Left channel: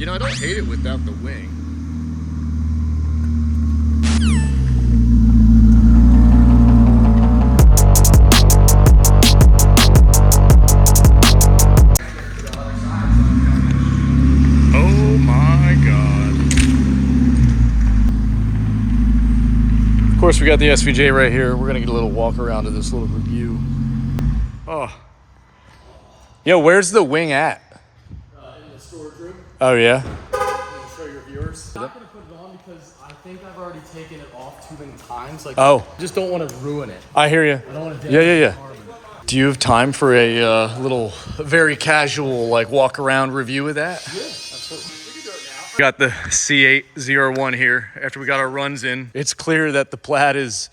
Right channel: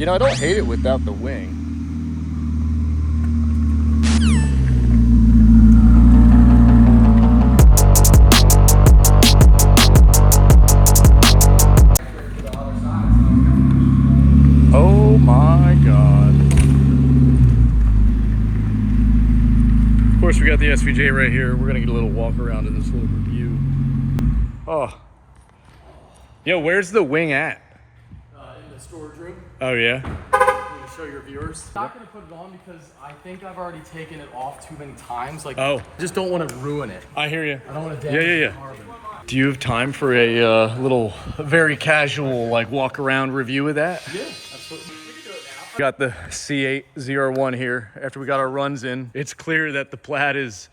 You know, I don't hate it without the wing. Oh my God. Of course, we got the SVJ right here. We're gonna get a little walk around to this little review. Oh. Yo, where's the wing at? In the storage room. Oh yeah? To show your viewers. I'm not gonna put it on because I think I've already taken it off too many times. Like, oh, I just don't want to ruin it. I hear you. I don't want to damage Yeah. the carbon. Do you have time for a little, very casual, like walk around review of that? Yeah, absolutely. We can do it now. We got the C8 ZR1 here. After we got our runs in, it's clear that the Plaid has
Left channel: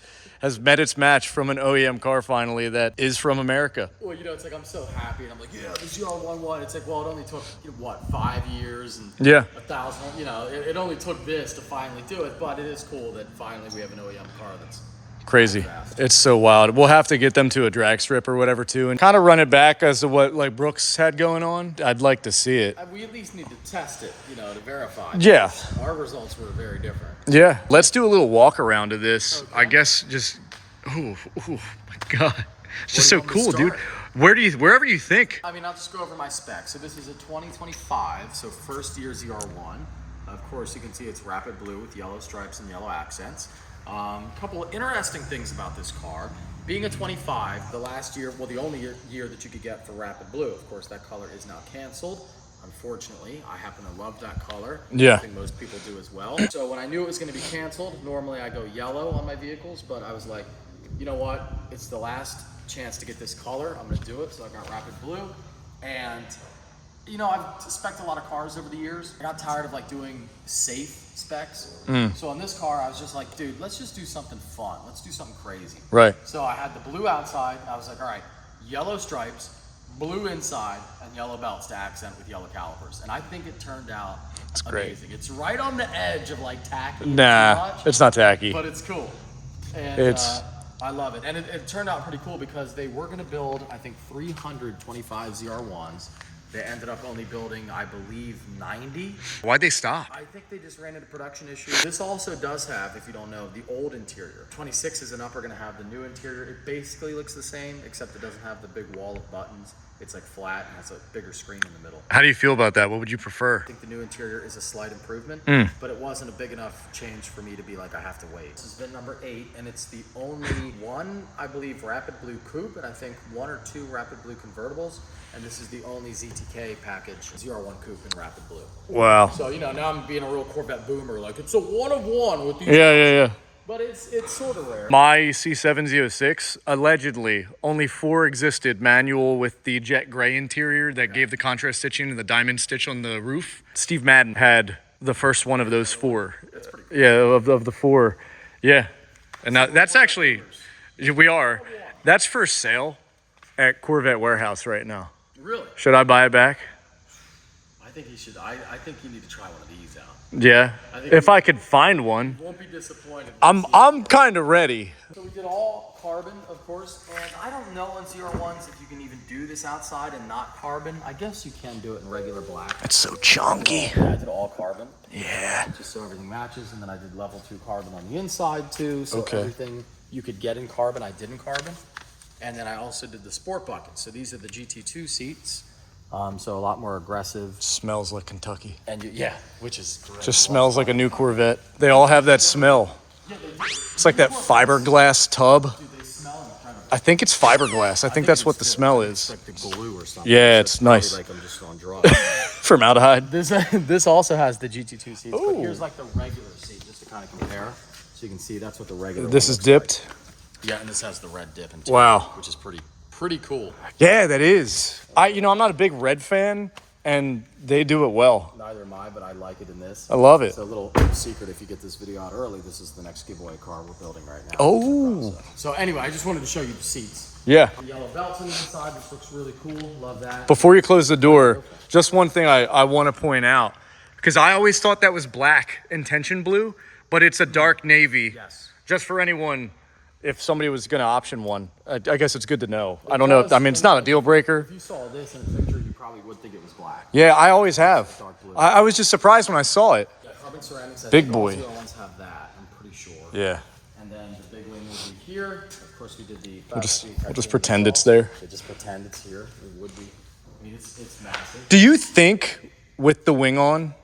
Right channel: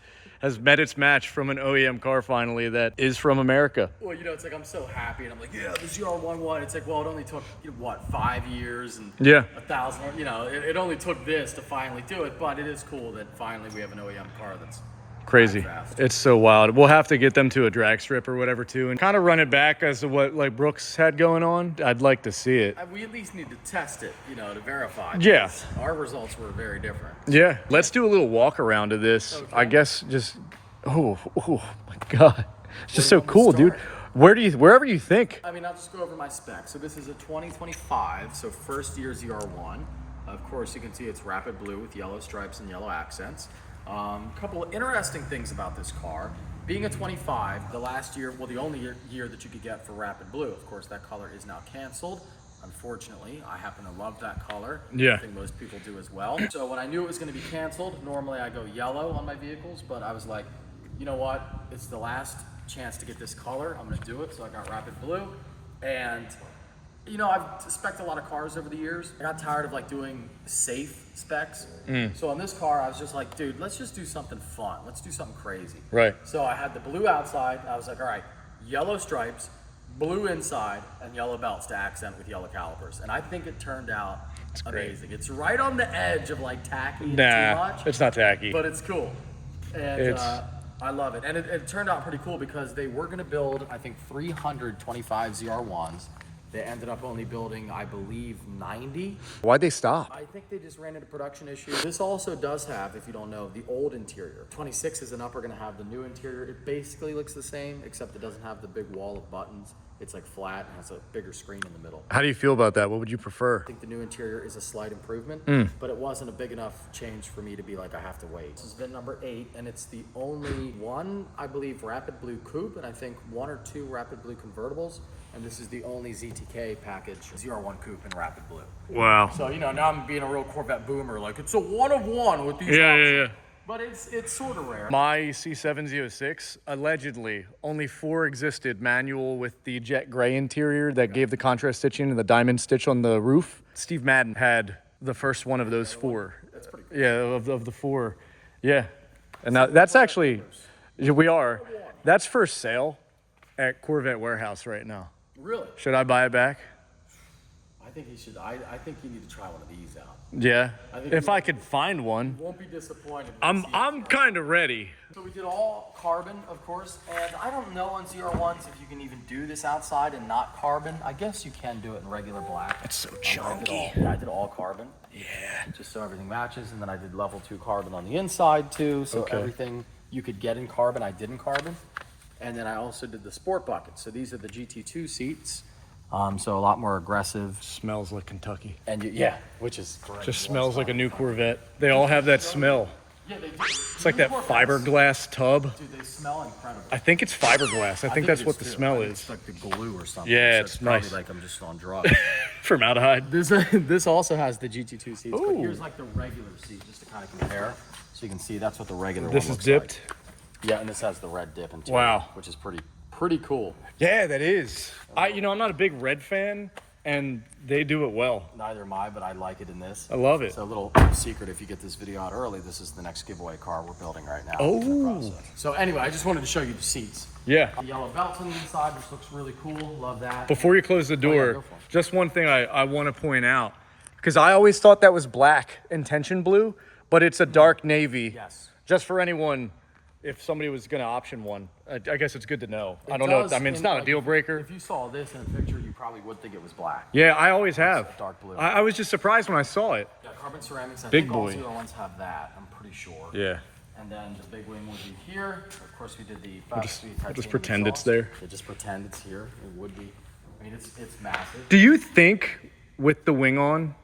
met its match from an OEM car finally that is from America. Well, you know, it's like I'm so happy, and I'm like, yeah, the ZR1. It's like, well, it only took, you know, what, 5 years and Yeah. 1,000. You know, it only took this to finally do it, but it is cool that finally we have an OEM car that's Crazy. It's so wild. We'll have to get them to a drag strip or whatever too and kind of run it back as to what like Brooks had going on. I'd like to see it. We at least need to test it, you know, to verify. Yeah. Our results were very different. Yeah. Let's do a little walk around to this. Okay. I guess just, oh my God. It's just so cool, dude. Wherever you think. I mean, I'll just go over my specs. So this is a 2025, so first year ZR1. Of course, you can see it's rapid blue with yellow stripes and yellow accents. A couple of interesting things about this car. Being a 25, the last year, well, the only year that you could get for rapid blue. Of course, that color is now canceled. Unfortunately, I happen to love that color. Yeah. I think most people do as well. So when I knew it was going to be canceled, normally I go yellow on my vehicles, but I was like, you know what? It's the last chance to get this color. I'm going to do it. So I got rapid blue. And, you know, I've spec'd a lot of cars over the years. I got tired of like doing safe specs. So on this car, I was just like, dude, let's just do something fun. Let's do something crazy. Right. So I had the blue outside. I was like, all right, yellow stripes, blue inside, and yellow belts to accent with yellow calipers. And I think it turned out amazing. It's right on the edge of like tacky. Nah, too much, it's not tacky. but it's cool. And I love it. And it turned out pretty cool because they were going to build, I think, 325 ZR1s. They ended up only building, I believe, 90. Why'd they stop? I think they just ran into production issues. This also does have, if you don't know, the old interior. 26s and up are going to have the new interior. It basically looks the same, except it doesn't have the big wall of buttons. It's like flat and has a bigger screen in the middle. How do you feel about that? What would you prefer? I think the new interior is a slight improvement, but it wasn't a big enough change for me to be like, I have to wait. This is VIN number 8, and it's the only one, I believe, rapid blue coupe, and I think 1 or 2 rapid blue convertibles. And this is the only ZTK package, ZR1 coupe in rapid blue. Wow. So, you know, now I'm being a real Corvette boomer, like it's a one of one with these. Yeah. But it's sort of rare. My C7Z06, allegedly, only 4 existed manual with the jet gray interior that gave the contrast stitching and the diamond stitch on the roof. Steve Madden had the first one of those 4. That's pretty cool. Yeah, of the 4. Yeah. And now that's actually, that's for sale at Corvette Warehouse right now. Really? Should I buy it back? I think you should. I think you need to try one of these out. Yeah. If I could find one. You won't be disappointed. I'm kind of ready. So we did all carbon, of course, and I don't know on ZR1s if you can even do this outside and not carbon. I guess you can do it in regular black. It's so chunky. Yeah, I did all carbon. Yeah. Just so everything matches, and then I did level 2 carbon on the inside too. So everything you could get in carbon, I did in carbon. And then I also did the sport buckets. So these are the GT2 seats. So a lot more aggressive. Smells like Kentucky. And which is great. Just smells like a new Corvette. They all have that smell. Yeah, they do. It's like that fiberglass tub. Dude, they smell incredible. I think it's fiberglass. I think that's what the smell It's is. like the glue or something. Yeah, So it's nice. Like I'm just on drugs. Formaldehyde. This also has the GT2 seats. But Ooh. here's like the regular seat, just to kind of compare. So you can see that's what the regular. This one is looks dipped. like. Yeah, and this has the red dip into Wow. it, which is pretty cool. Yeah, that is. I'm not a big red fan, and they do it well. Neither am I, but I like it in this. I love it. So a little secret, if you get this video out early, this is the next giveaway car we're building right now. Oh. So anyway, I just wanted to show you the seats. Yeah. The yellow belts on the inside, which looks really cool. Love that. Before you close the door, just one thing I want to point out, because I always thought that was black intention blue, but it's a dark navy. Yes. Just for anyone if somebody was going to option one. I guess it's good to know. I don't know. I mean, it's not a deal If breaker. you saw this in a picture, you probably would think it was black. Yeah, I always have. Dark blue. I was just surprised when I saw it. Yeah, carbon ceramics. I Big think all boy. ZR1s have that. I'm pretty sure. Yeah. And then the big wing would be here. Of course, we did the. We'll just pretend it's there. They just pretend it's here. It would be. I mean, it's massive. Do you think with the wing on?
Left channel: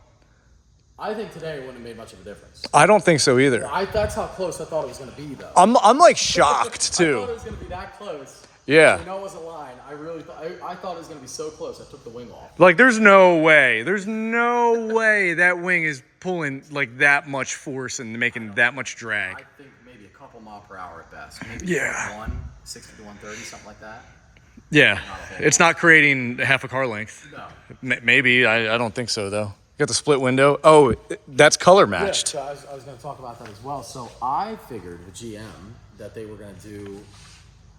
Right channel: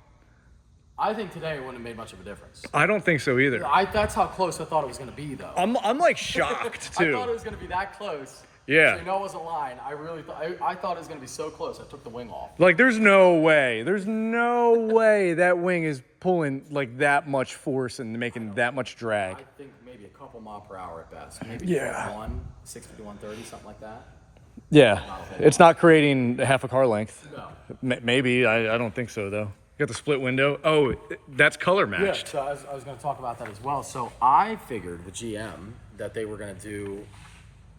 I think today it wouldn't have made much of a difference. I don't think so either. That's how close I thought it was going to be, though. I'm like shocked I thought it too. was going to be that close. Yeah. You know, it was a line. I really I thought it was going to be so close. I took the wing off. Like there's no way that wing is pulling like that much force and making that much drag. I think maybe a couple mile per hour at best. Maybe Yeah. 60 to 130, something like that. Yeah. It's not creating half a car length. No. Maybe. I don't think so though. Got the split window. Oh, that's color matched. Yeah, so I was going to talk about that as well. So I figured with GM that they were going to do,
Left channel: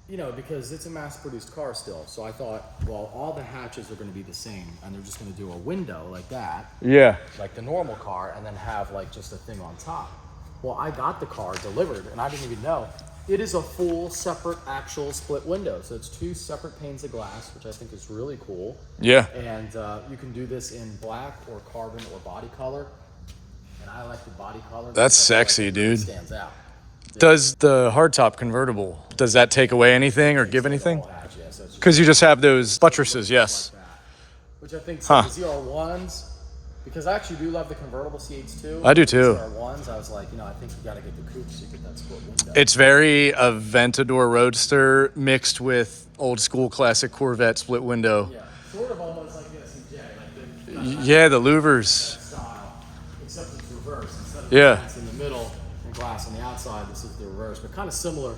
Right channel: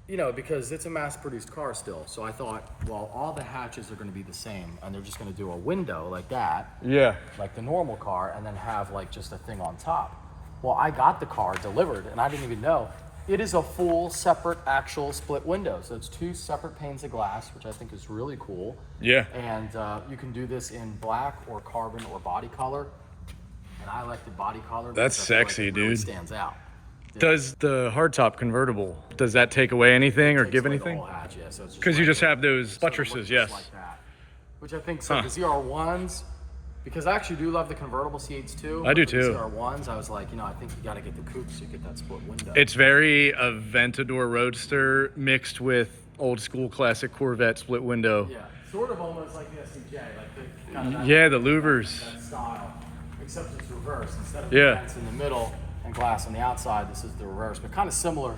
you know, because it's a mass-produced car still. So I thought, well, all the hatches are going to be the same, and they're just going to do a window like that, Yeah. like the normal car, and then have like just a thing on top. Well, I got the car delivered, and I didn't even know. It is a full separate actual split window. So it's 2 separate panes of glass, which I think is really cool. Yeah. And you can do this in black or carbon or body color. And I like the body color. That's because I feel like sexy, it really dude. stands out. Does the hardtop convertible, does that take away anything or give anything? Because you just have those buttresses, yes. Like that. Which I think some of the ZR1s, because I actually do love the convertible C8s too. I do too. The ZR1s, I was like, you know, I think you got to get the coupe so you get that split window. It's very Aventador Roadster mixed with old school classic Corvette split window. Yeah, sort of almost like the SCJ, like the Yeah, the louvers. style, except it's reverse. Instead of Yeah. glass in the middle and glass on the outside, this is the reverse, but kind of similar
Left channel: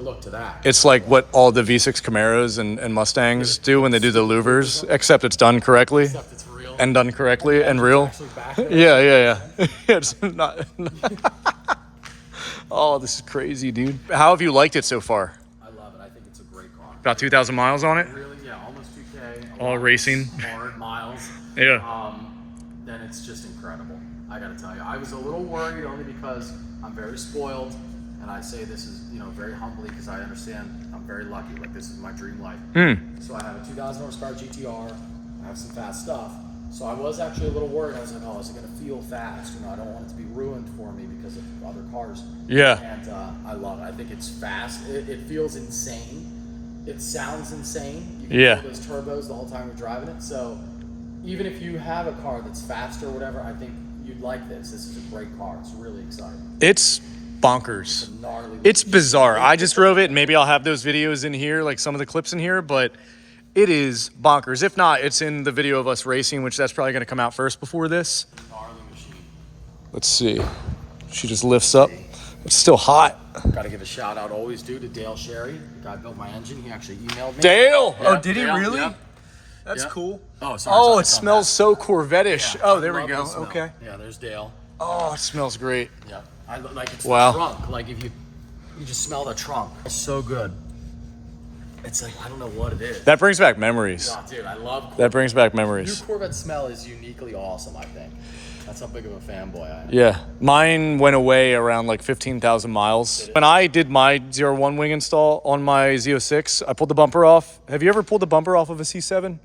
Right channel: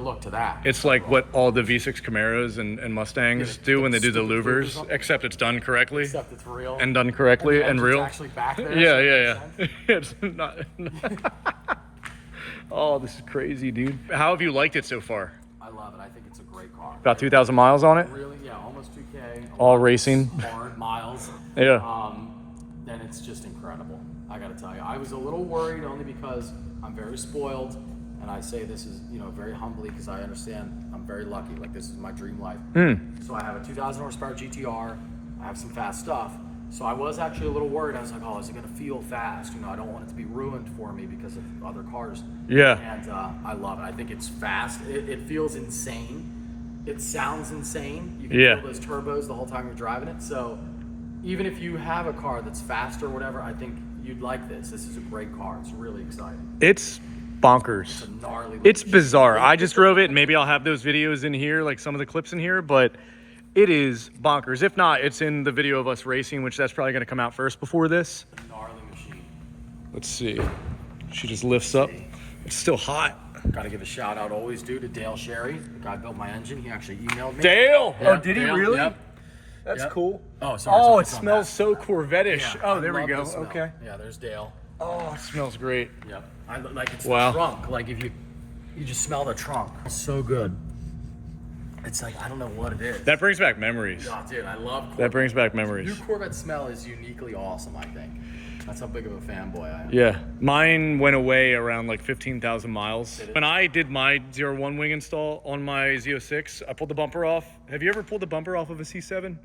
look to that. It's like what all the V6 Camaros and Mustangs do when they do the louvers, except it's done correctly Except it's real. and done correctly and real. It's actually back there. Yeah. It's not. Oh, this is crazy, dude. How have you liked it so far? I love it. I think it's a great car. About 2,000 miles on it? Really, yeah, almost 2K. All racing. Hard miles. Yeah. Then it's just incredible. I gotta tell you, I was a little worried only because I'm very spoiled, and I say this is, you know, very humbly because I understand I'm very lucky. Like this is my dream life. So I have a 2,000 horsepower GTR. I have some fast stuff. So I was actually a little worried. I was like, oh, is it gonna feel fast? You know, I don't want it to be ruined for me because of other cars. Yeah. And I love it. I think it's fast. It feels insane. It sounds insane. You can feel those turbos the whole time you're driving it. So even if you have a car that's fast or whatever, I think you'd like this. This is a great car. It's really exciting. It's bonkers. Gnarly. It's bizarre. I just drove it, and maybe I'll have those videos in here, like some of the clips in here, but it is bonkers. If not, it's in the video of us racing, which that's probably going to come out first before this. Gnarly machine. Let's see. She just lifts up. It's still hot. Got to give a shout out, always do, to Dale Sherry. The guy built my engine. He actually emailed me. Dale! Yeah, Oh, did he Dale, really? yep. That's Yep. cool. Oh, sorry, Oh, sorry, it smells so Corvette-ish. Yeah, Oh, there I we love go. the smell. Okay. Yeah, there's Dale. Oh, it smells great. Yeah, I like it's Wow. the trunk. Like if you just smell the trunk. It's so good. It's like I don't know what it is. That brings back memories. Oh, dude, I love Corvette. That brings back Your memories. Corvette smell is uniquely awesome, I think. That's how big of a fanboy I am. Yeah, mine went away around like 15,000 miles. When I did my ZR1 wing install on my Z06, I pulled the bumper off. Have you ever pulled the bumper off of a C7?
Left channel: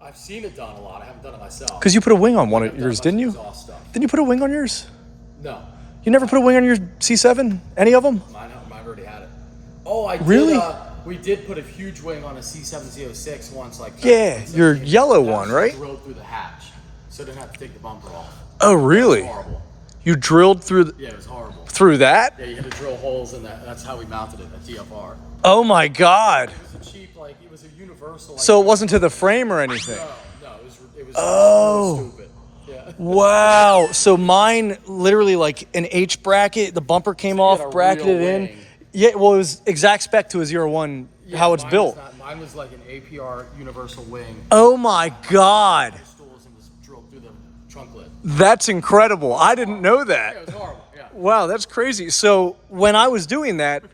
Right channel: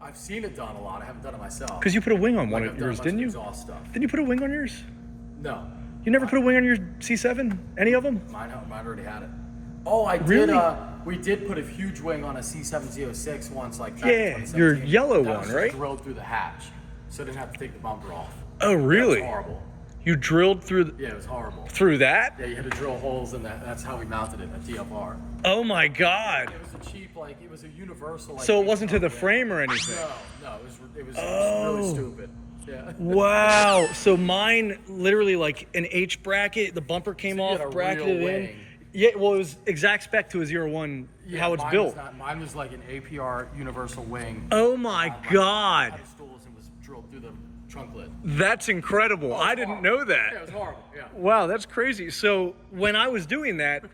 I've seen it done a lot. I haven't done it myself. Because you put a wing on one I've of done a yours, bunch didn't of you? exhaust stuff. Didn't you put a wing on yours? No, You never put a wing on your C7? Any of them? mine already had it. Oh, I Really? did. We did put a huge wing on a C7 Z06 once, like Yeah, back in your 2017. yellow That one, was right? Drilled through the hatch, so I didn't have to take the bumper off. Oh, really? It was horrible. You drilled through Yeah, it was horrible. through that? Yeah, you had to drill holes in that. That's how we mounted it at TFR. Oh my God. It was a cheap, like it was a universal. Like, So it wasn't to the frame or anything? No, it was Oh. really stupid. Yeah. Wow. So mine literally like an H bracket, the bumper came you off, had a bracketed real in. wing. Yeah, well, it was exact spec to a ZR1, how it's Mine built. Was mine was like an APR universal wing. Oh my God. Had stools and was drilled through the trunk lid. That's incredible. I didn't know Yeah, that. it was horrible. Yeah. Wow, that's crazy. So when I was doing that,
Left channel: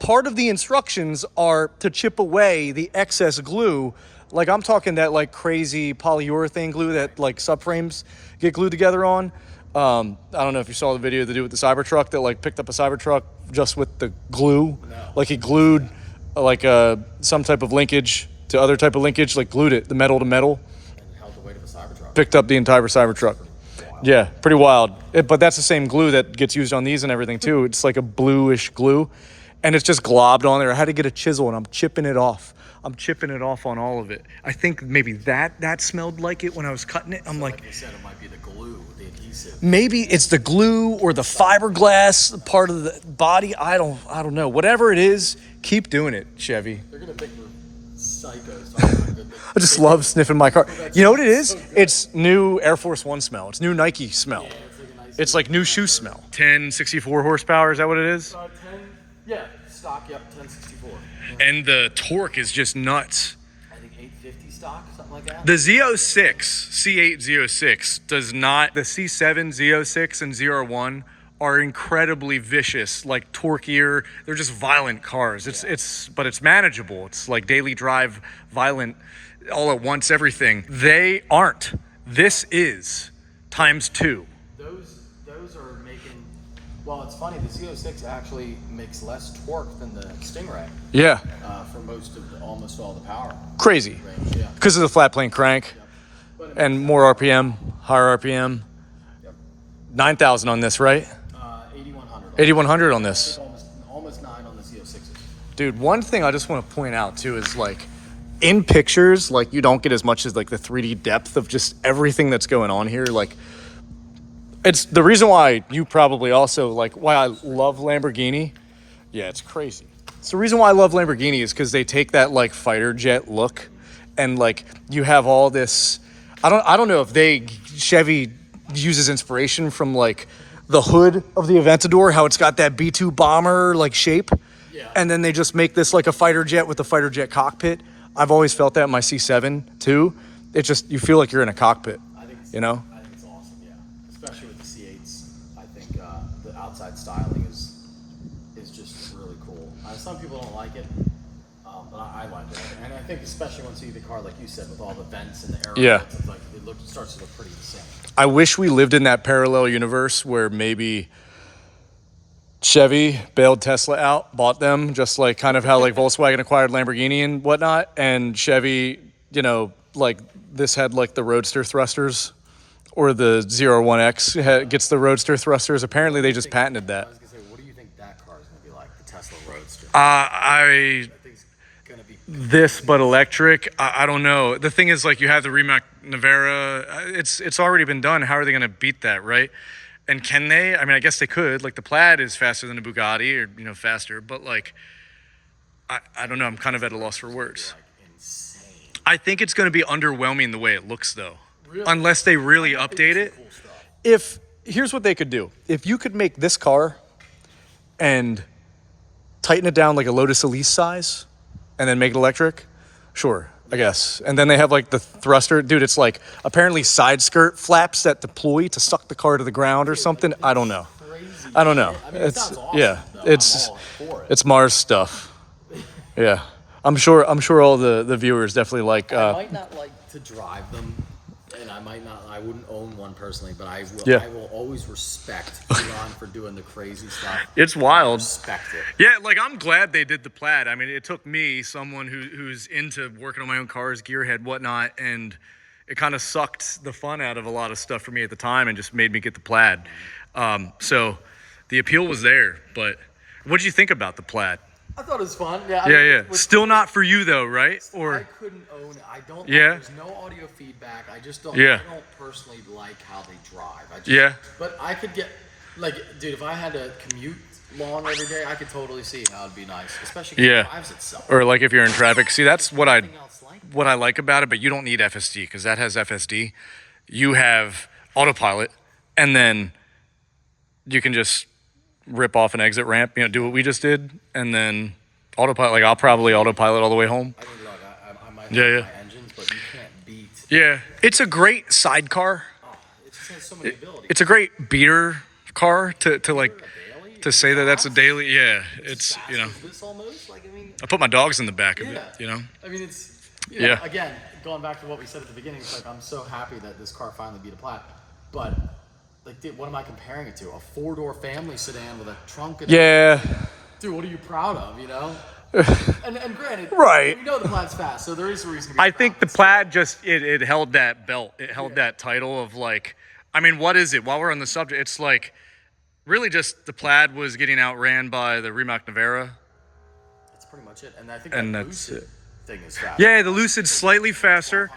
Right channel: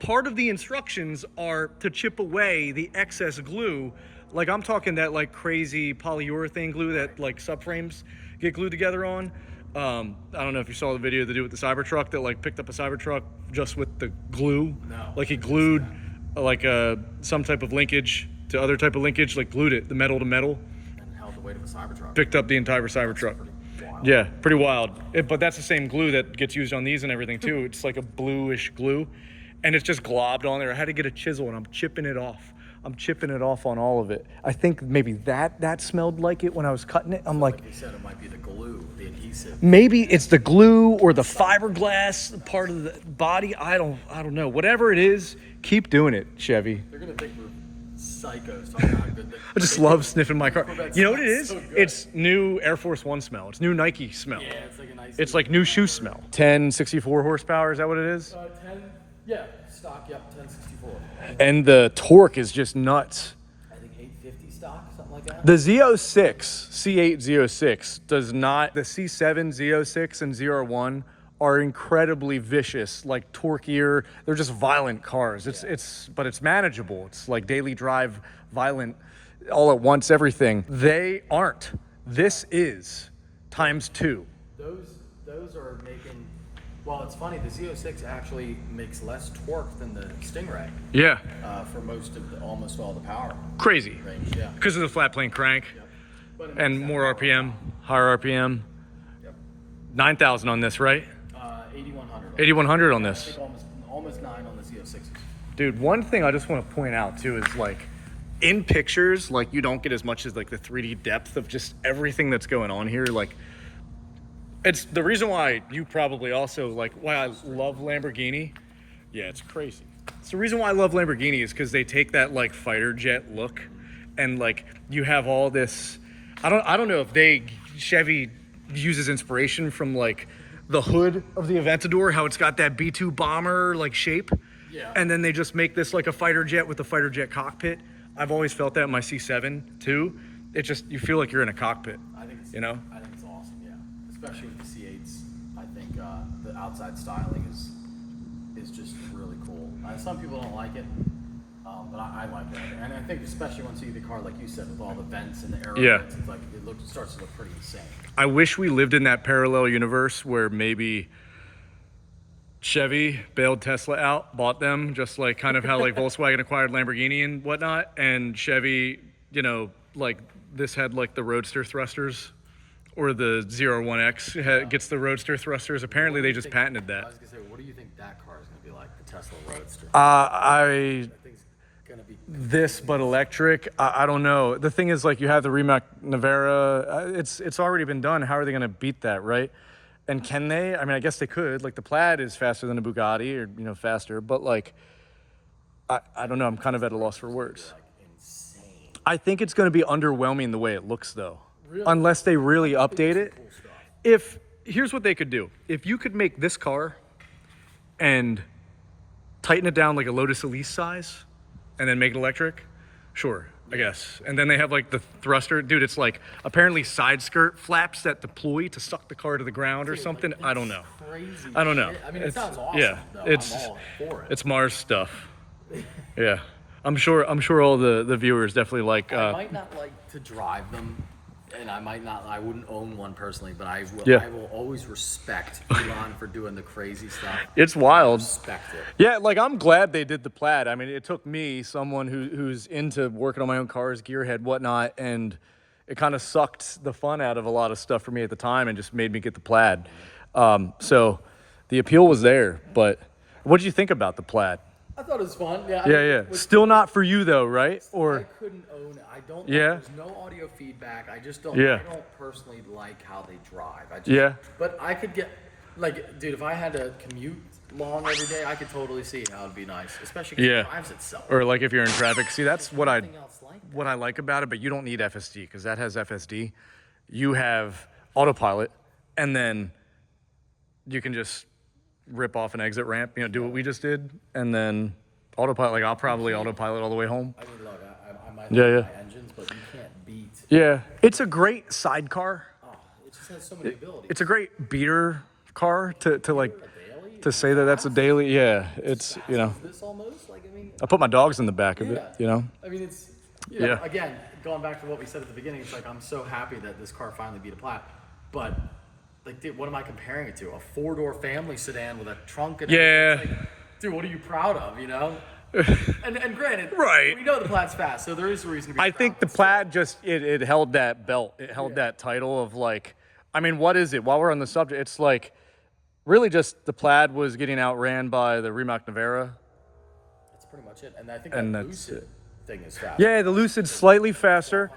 part of the instructions are to chip away the excess glue. Like I'm talking that like crazy polyurethane glue that like subframes get glued together on. I don't know if you saw the video they do with the Cybertruck that like picked up a Cybertruck just with the glue. No. Like he glued like some type of linkage to other type of linkage, like glued it, the metal to metal. And held the weight of a Cybertruck. Picked up the entire Cybertruck. Yeah, pretty wild. But that's the same glue that gets used on these and everything too. It's like a bluish glue, and it's just globbed on there. I had to get a chisel, and I'm chipping it off. I'm chipping it off on all of it. I think maybe that smelled like it when I was cutting it. I'm like, You said it might be the glue, the adhesive. maybe it's the glue or the fiberglass part of the body. I don't know. Whatever it is, keep doing it, Chevy. They're gonna think we're psychos talking about good. I just love sniffing my car. You know what it is? So good. It's new Air Force One smell. It's new Nike smell. Yeah, it's like a nice. It's like new shoe smell. 1064 horsepower, is that what it is? 10. Yeah, stock. Yep, 1064. And the torque is just nuts. I think 850 stock, something like that. The Z06, C8 Z06 does not, the C7 Z06 and ZR1 are incredibly vicious, like torquier. They're just violent cars. But it's manageable. It's like daily drive, violent, all at once, everything. They aren't. This is ×2. Those are making. Well, it's funny. The Z06 actually makes less torque than the Stingray Yeah, for almost all the power crazy. range. Yeah. Because of the flat plane crank But it and more RPM, higher RPM. Yep. 9,000 on this, right? 8100. 8,100 on this. Almost 9 on the Z06. Dude, one thing I just want to point out too is like in pictures, like you don't get as much as like the 3D depth of just everything that's going on here. Like it's the reason why you probably also like why I love Lamborghini. Yeah, it's crazy. It's the reason why I love Lamborghini is because they take that like fighter jet look and like you have all this. I don't know if Chevy uses inspiration from like the hood of the Aventador, how it's got that B-2 bomber like shape. Yeah. And then they just make this like a fighter jet with a fighter jet cockpit. I've always felt that in my C7 too. It's just, you feel like you're in a cockpit, I think you know? I think it's awesome. Yeah, especially with the C8s. I think the outside styling is just really cool. Some people don't like it, but I like it. And I think especially once you see the car, like you said, with all the vents and the aero Yeah. vents, it's like it starts to look pretty insane. I wish we lived in that parallel universe where maybe Chevy bailed Tesla out, bought them, just like kind of how like Volkswagen acquired Lamborghini and whatnot. And Chevy, you know, like this had like the Roadster thrusters, or the ZR1X gets the Roadster thrusters. Apparently they just patented I that. was gonna say, what do you think that car is gonna be like, the Tesla Roadster? I I think it's gonna be. this but electric. I don't know. The thing is, like, you have the Rimac Nevera. It's already been done. How are they going to beat that, right? And can they? I mean, I guess they could. Like the Plaid is faster than a Bugatti, or faster. But like, I don't know. I'm kind of at a loss for words. Insane. I think it's going to be underwhelming the way it looks, though, Really? unless they really update it. Cool stuff. If here's what they could do: if you could make this car and tighten it down like a Lotus Elise size, and then make it electric, sure, I guess. And then they have like the thruster, dude. It's like apparently side skirt flaps that deploy to suck the car to the ground or something. I don't know. Crazy. I don't know. I mean, it sounds awesome. Yeah, though. it's I'm all for it. it's Mars stuff. Yeah, I'm sure all the viewers definitely like. I might not like to drive them, and I wouldn't own one personally, but I will. Yeah. I will always respect Elon for doing the crazy stuff. It's wild. Respect it. Yeah, like I'm glad they did the Plaid. I mean, it took me, someone who's into working on my own cars, gearhead, whatnot, and it kind of sucked the fun out of a lot of stuff for me at the time and just made me get the Plaid. So the appeal was there, but what did you think about the Plaid? I thought it was fun. Yeah. Yeah. Still not for you though, right? I Or couldn't own it. I don't. Yeah. There's no audio feedback. I just don't. Yeah. I don't personally like how they drive. I just, Yeah. But I could get, like, dude, if I had to commute long every day, I could totally see how it'd be nice, especially if Yeah. it drives itself. or like if you're in traffic. See, that's what I Nothing else like it. what I like about it, but you don't need FSD because that has FSD. You have autopilot, and then you can just rip off an exit ramp, do what we just did, and then autopilot. Like I'll probably autopilot all the way home. I mean, look, I might Yeah, have yeah. my engines, but you can't beat. Yeah, it's a great sidecar. Oh, it just has so many abilities. It's a great beater car to like Daily? to say that that's a daily. Yeah, it's This almost, like, I mean, I put my dogs in the back of it. I mean, it's, you know, Yeah. again, going back to what we said at the beginning, it's like I'm so happy that this car finally beat a Plaid, but like, dude, what am I comparing it to? A 4-door family sedan with a trunk. And Yeah. Dude, what are you proud of? You know. And granted, Right. we know the Plaid's fast, so there is a reason to be I proud, think the but Plaid just it held that belt. It held that title of like, I mean, what is it? While we're on the subject, it's like really just the Plaid was getting outran by the Rimac Nevera. that's pretty much it. And I think And that that's Lucid it. thing is fast. Yeah, the Lucid's slightly faster.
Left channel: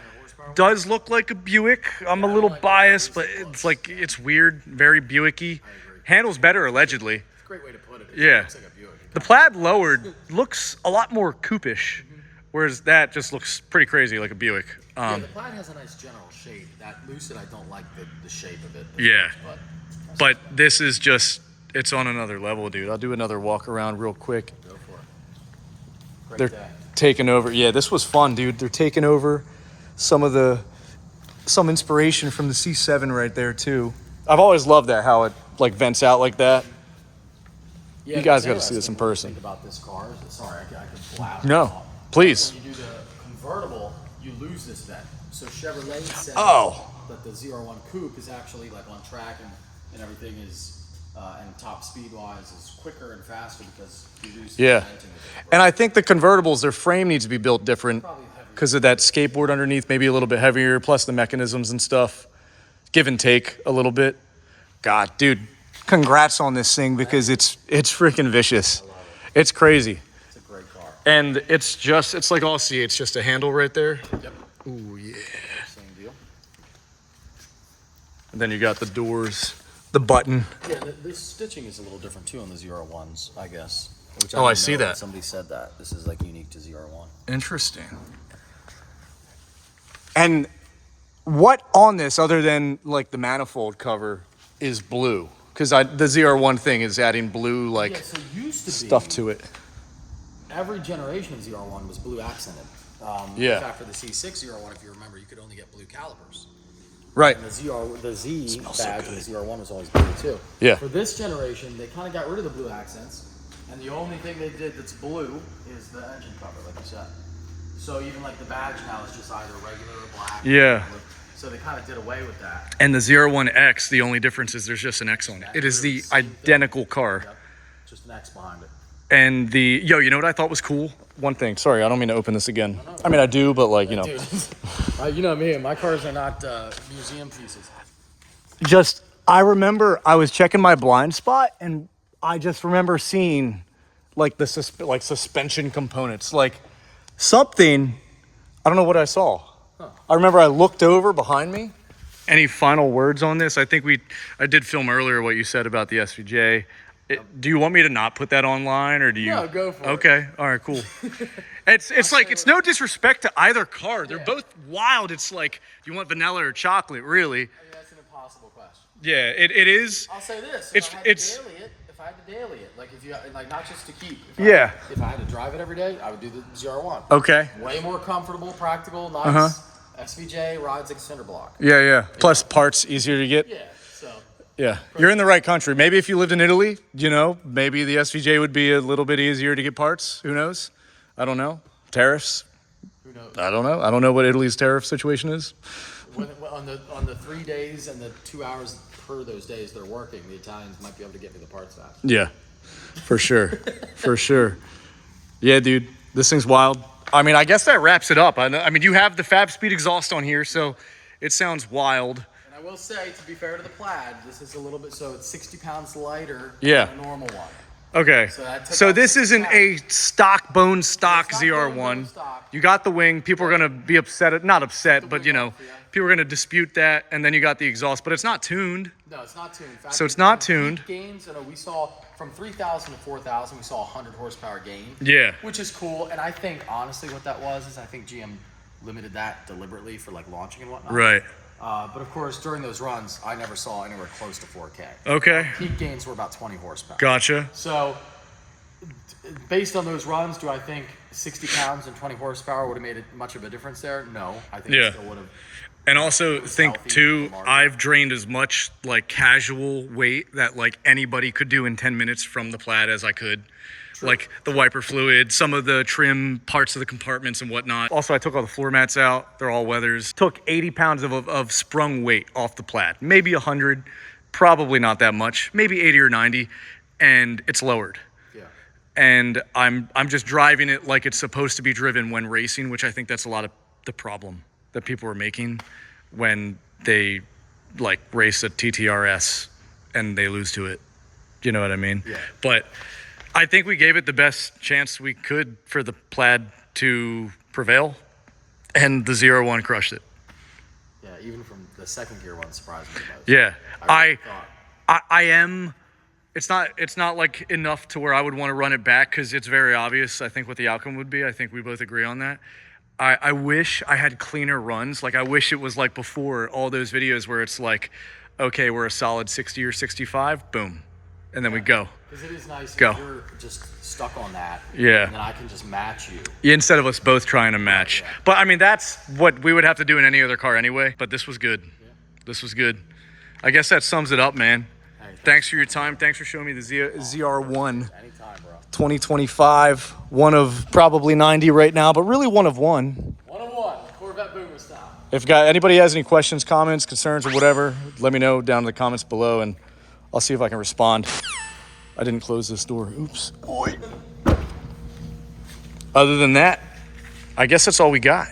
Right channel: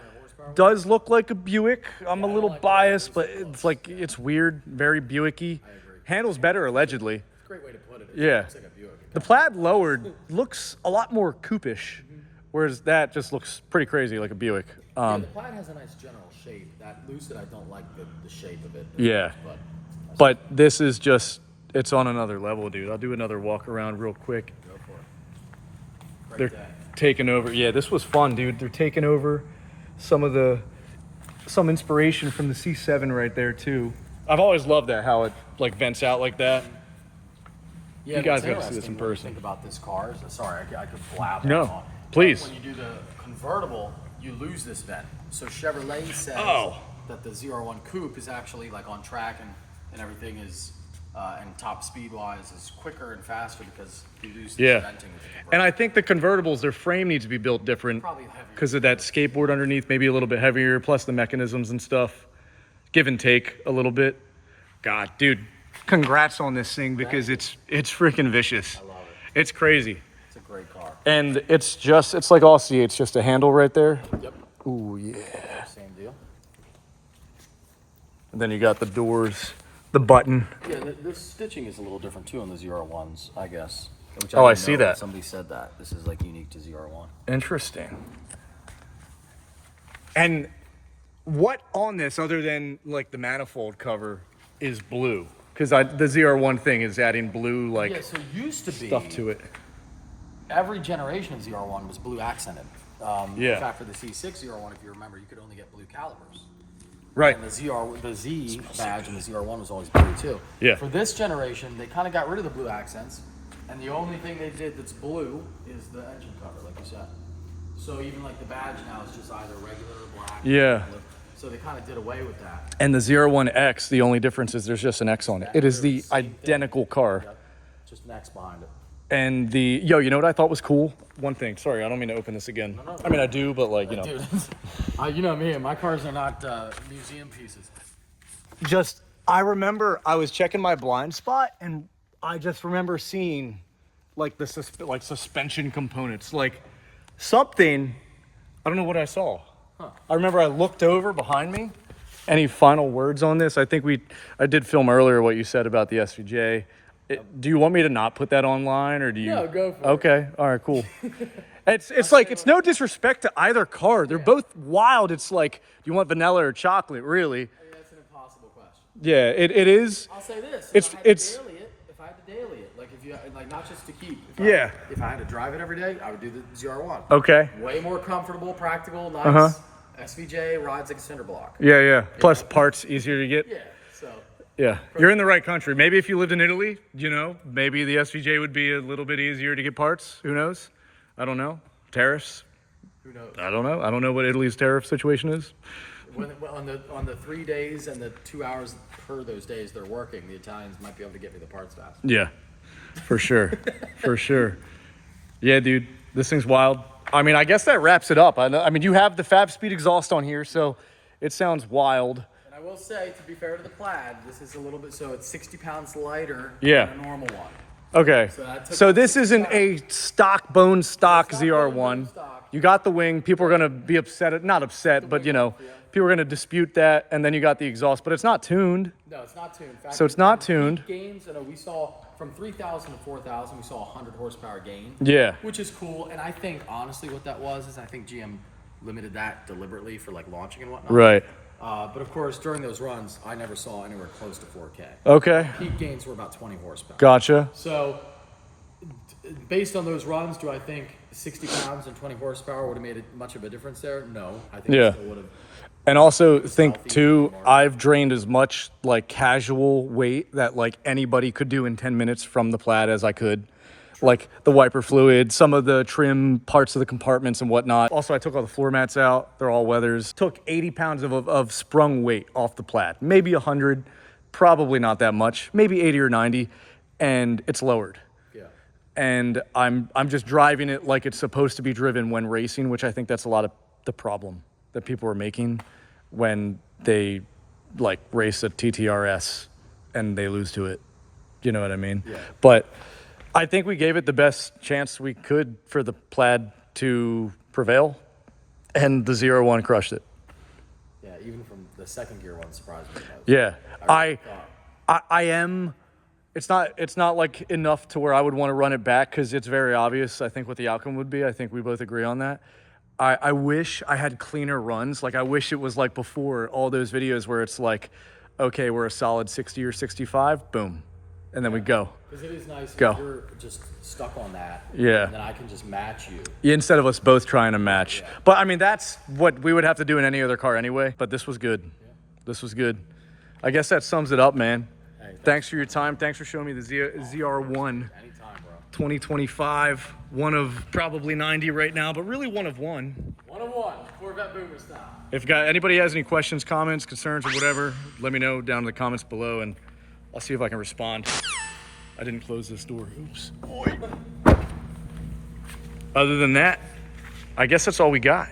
Does look like a Buick. I'm a little biased, but it's like it's weird, very Buick-y. Handles better allegedly. It's a great way to put it. Yeah. Looks like a Buick. The Plaid lowered looks a lot more coupe-ish, whereas that just looks pretty crazy like a Buick. Yeah, the Plaid has a nice general shape. That Lucid, I don't like the shape of it. as Yeah. much, But this is just, it's on another level, dude. I'll do another walk around real quick. go for it. Great They're day. taking over. Yeah, this was fun, dude. They're taking over some inspiration from the C7 right there too. I've always loved that, how it like vents out like that. Yeah, You guys what's gotta see this in interesting when you person. Think about this car. Sorry, I could blab. No, on. please. When you do the convertible, you lose this vent. So Chevrolet says that the ZR1 Coupe is actually like on track and everything is and top speed wise is quicker and faster because you lose the Yeah. venting with the convertible. And I think the convertibles, their frame needs to be built different Probably heavier. because of that skateboard underneath, maybe a little bit heavier, plus the mechanisms and stuff. Give and take a little bit. God, dude, congrats on this thing because it's freaking vicious. It's crazy. It's a great car. And it's like all C8, it's just a handle right there. Yep. Ooh, yeah. Same deal. And then you got the doors, the button. Yeah, the stitching is a little different too on the ZR1s, I guess. Which Oh, I didn't see know. that. Somebody said that. This is like unique to ZR1. Interesting. And what on this, other than like the manifold cover, is blue? Because the ZR1 thing is adding blue like Yeah, so used to be stuff to it. every generation of ZR1 was blue accented. Yeah. In fact, for the C6 ZR1, if you remember, you could only get blue calipers. Right. And the Z badge in the ZR1 was always blue too. Yeah. For this generation, they kind of got rid of the blue accents, and the only thing they did that's blue is the engine cover, like you said. So even like the badge now is just either regular or black. Yeah. So they kind of did away with that. And the ZR1X, the only difference is there's just an X on it. It is the Same thing. identical car. Yep. Just an X behind it. And you know what I thought was cool? One thing, sorry, I don't mean to open this again. I mean, I do, but like, you know. Dude, you know me, my cars are not museum pieces. Just, I remember I was checking my blind spot and I just remember seeing like the suspension components, like something, I don't know what I saw. I remember I looked over behind me. Any final words on this? I think I did film earlier what you said about the SVJ. Do you want me to not put that online or do you? No, go for it. Okay, all right, cool. It's like, it's no disrespect to either car. They're both wild. It's like, do you want vanilla or chocolate, really? I mean, that's an impossible question. Yeah, it is. I'll say this. It's- If I had to daily it, like if you like not just to keep. Yeah. If I had to drive it every day, I would do the ZR1. Okay. Way more comfortable, practical, nice. SVJ rides like a cinder block. Yeah. Plus parts easier to get. Yeah. So Yeah. You're in the right country. Maybe if you lived in Italy, you know, maybe the SVJ would be a little bit easier to get parts. Who knows? I don't know. Tariffs? who knows? I don't know. I don't know what Italy's tariff situation is. On the 3 days and the 2 hours per those days they're working, the Italians might be able to get me the parts fast. Yeah. For sure. For sure. Yeah, dude. This thing's wild. I mean, I guess that wraps it up. I mean, you have the Fab Speed exhaust on here, so it sounds wild. And I will say, to be fair to the Plaid, this is a little bit, so it's 60 pounds lighter Yeah. than a normal one. Okay. that took So off this 6 isn't a stock bone stock It's not bone ZR1. stock. You got the wing. People are going to be upset. Not upset, but you know, people are going to dispute that. And then you got the exhaust, but it's not tuned. No, it's not tuned. In fact, So it's not the tuned. peak gains, you know, we saw from 3,000 to 4,000, we saw 100 horsepower gain. Yeah. Which is cool. And I think, honestly, what that was is I think GM limited that deliberately for like launching and whatnot. Right. But of course, during those runs, I never saw anywhere close to 4K. Okay. Peak gains were about 20 horsepower. Gotcha. So, based on those runs, do I think 60 pounds and 20 horsepower would have made much of a difference there? No. I think Yeah. it still would have. And also think healthy too, margin. I've drained as much like casual weight that like anybody could do in 10 minutes from the Plaid as I could. Like the wiper fluid, some of the trim parts of the compartments and whatnot. Also, I took all the floor mats out. They're all weathers. Took 80 pounds of sprung weight off the Plaid. Maybe 100. probably not that much, maybe 80 or 90, and it's lowered. Yeah. And I'm just driving it like it's supposed to be driven when racing, which I think that's a lot of the problem that people are making when they like race a TTRS and they lose to it. You know what I mean? Yeah. But I think we gave it the best chance we could for the Plaid to prevail, and the ZR1 crushed it. Yeah, even from the second gear one surprised me. Yeah, I am. It's not like enough to where I would want to run it back because it's very obvious. I think what the outcome would be. I think we both agree on that. I wish I had cleaner runs. Like I wish it was like before all those videos where it's like, okay, we're a solid 60 or 65, boom, and then we go. Because it is nice Go. if you're just stuck on that. Yeah. And then I can just match you. Instead of us both trying to match. Yeah. But I mean, that's what we would have to do in any other car anyway. But this was good. Yeah. This was good. I guess that sums it up, man. Thanks for your time. Thanks for showing me the ZR1 Anytime, bro. 2025. One of probably 90 right now, but really one of one. 101, Corvette Boomer style. If anybody has any questions, comments, concerns, or whatever, let me know down in the comments below, and I'll see if I can respond. I didn't close this door. Oops. Boy. Other than that, I guess that's all we got.